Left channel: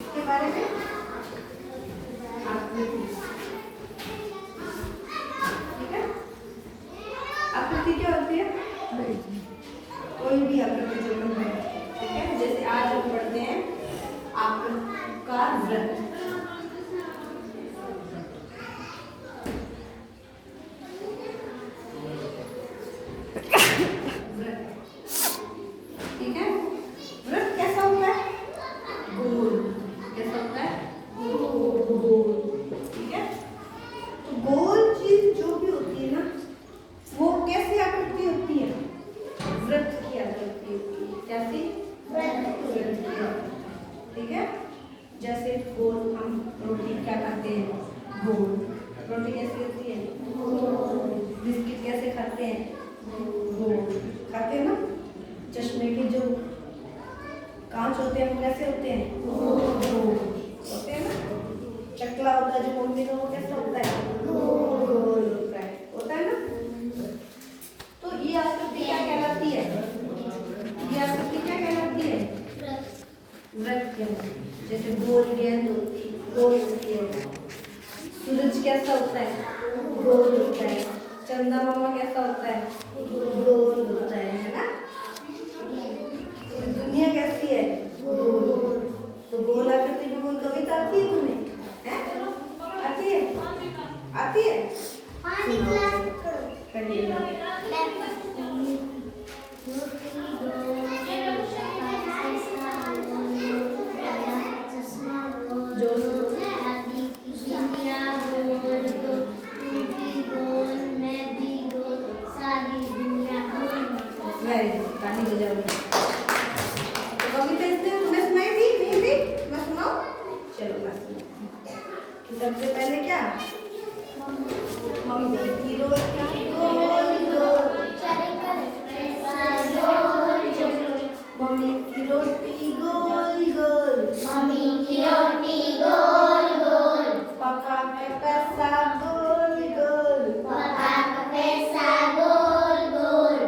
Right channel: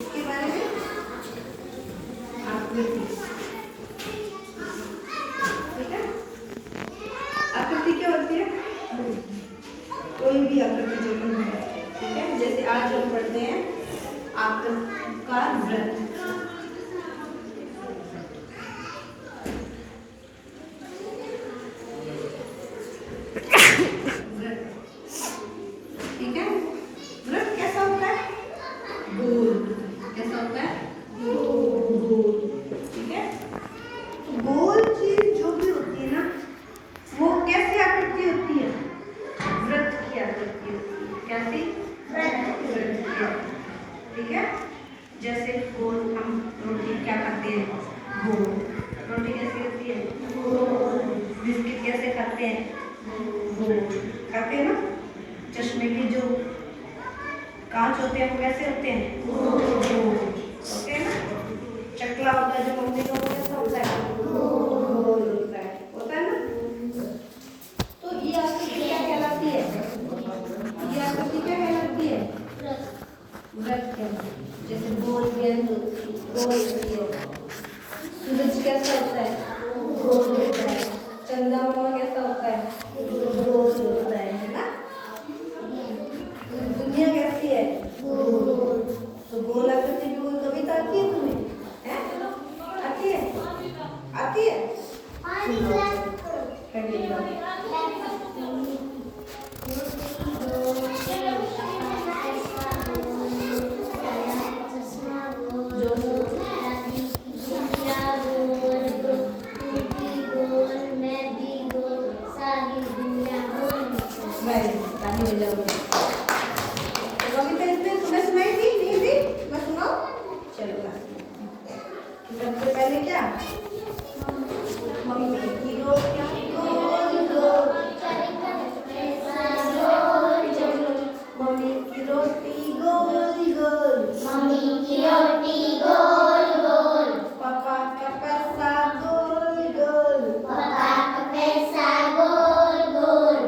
इसके बारे में आकृति, ठीक है। आकृति क्या होती है? कोई भी आकृति जो भी है, ठीक है। जैसे आज हम पढ़ते हैं आकृतिकार वृत्त, ठीक है। वृत्त कैसा होता है? गोल। कैसा होता है? गोल, ठीक है। तो गोल चीज जो भी होती है ना, वो कैसी आकृति होती है? वृत्त की आकृति होती है। कैसी? वृत्त की आकृति, ठीक है। जैसे गोल, हम रोटी क्या खाते हैं? गोल। रोटी कैसी होती है? गोल। बिस्किट कैसे खाते हैं? गोल खाते हैं ना। चश्मे के जो कांच होते हैं वो कैसे होते हैं? गोल होते हैं ना। चकला होता है जो मम्मी लोगों को कैसा होता है? गोल होता है ना। तो ये आकृति क्या कहलाती है? ये आकृति क्या कहलाती है? वृत्त कहलाती है। जैसे गोल गेंद गोल होती है। सूरज कैसा होता है? गोल होता है। चंदा मामा कैसा होता है? गोल होता है ना। दुनिया कैसी है? गोल। तो गोल आकृति भी कोई कविता आती है तुम्हें? हैं? आती है? आती है? सबसे पहले क्या? मम्मी की रोटी गोल गोल, मम्मी की रोटी गोल गोल, मम्मी की रोटी गोल गोल, पापा का पैसा गोल गोल, पापा का पैसा गोल गोल,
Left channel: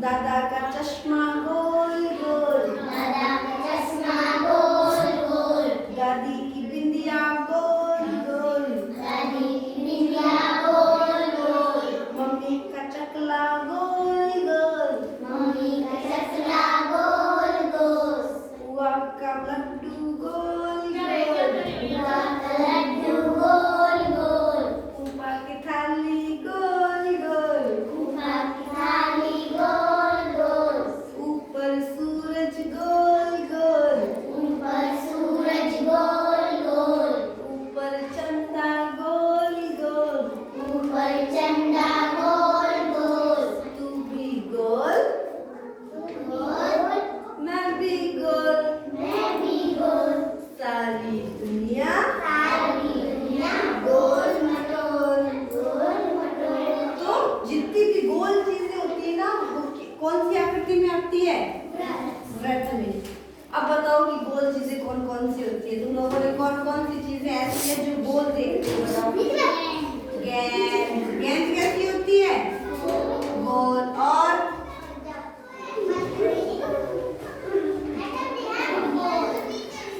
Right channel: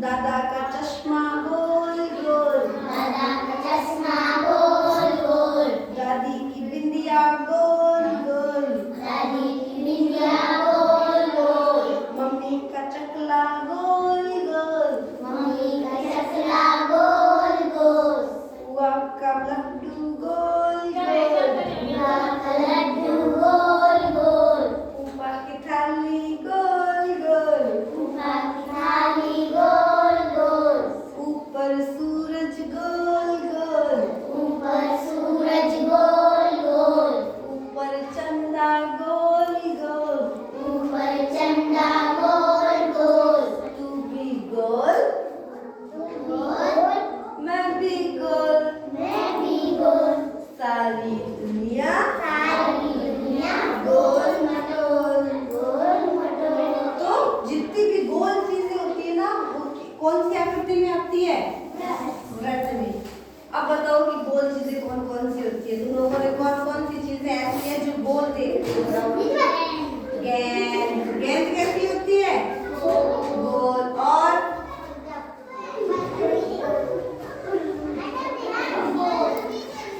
दादा का चश्मा गोल गोल, दादा का चश्मा गोल गोल, दादी की बिंदिया गोल गोल, दादी की बिंदिया गोल गोल, मम्मी का चकला गोल गोल, मम्मी का चकला गोल गोल, बुआ का लड्डू गोल गोल, बुआ का लड्डू गोल गोल, ऊपर की थाली गोल गोल, ऊपर की थाली गोल गोल, ऊपर सूरज गोल गोल, ऊपर सूरज गोल गोल, ऊपर चंदा गोल गोल, ऊपर चंदा गोल गोल, तू भी गोल गोल, मैं भी गोल, मैं भी गोल, सारी दुनिया सारी दुनिया गोल मटोल। गोल मटोल। तो जितनी भी गोल चीजें होती है ना, वो कौन सी आकृति में आती है? वृत्त में। अब बताओ कि गोल चीजें कौन कौन सी होती है? तुम लोगों ने कौन कौन सी चीजें ऐसी है जो गोल देखती है? बताओ। गेंद। गेंद कैसी होती है? गोल। और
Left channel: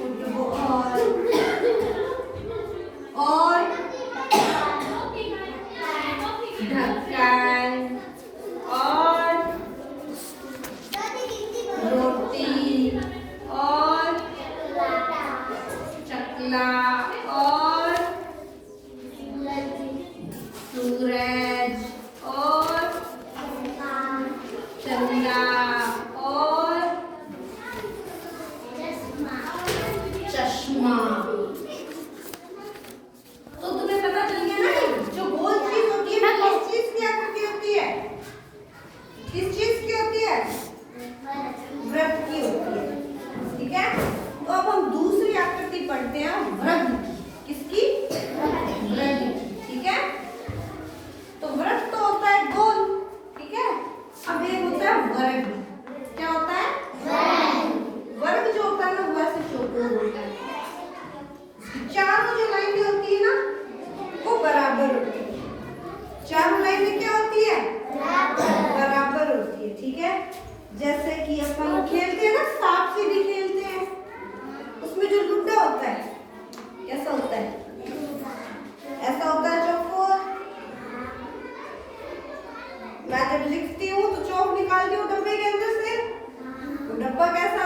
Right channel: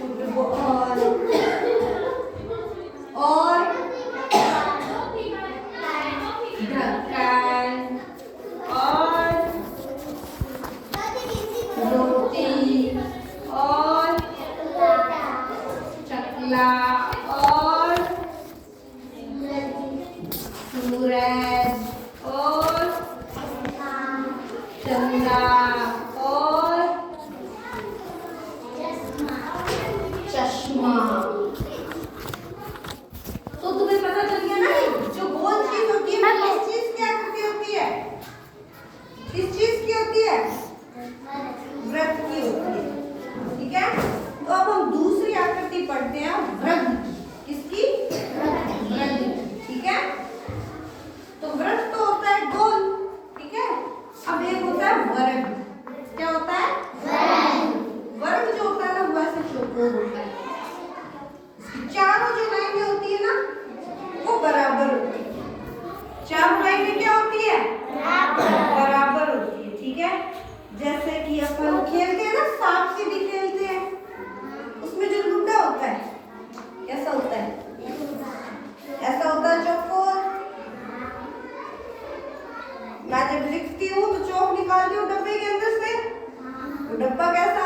फुटबॉल। और ढक्कन। और रोटी। और चकला। और सूरज। और चंदा। और चश्मा। तो तुम्हें पता चल गया ना, जो गोल चीज होती है वो किस चीज की आकृति होती है? किस चीज की होती है? वृत्त की होती है, ठीक है। तो अब हम दूसरी आकृति पढ़ते हैं वृत्त की। मैं जब लिखती हूँ तो चौक निकालती हूँ डब्बे के अंदर से। वो डब्बा कैसा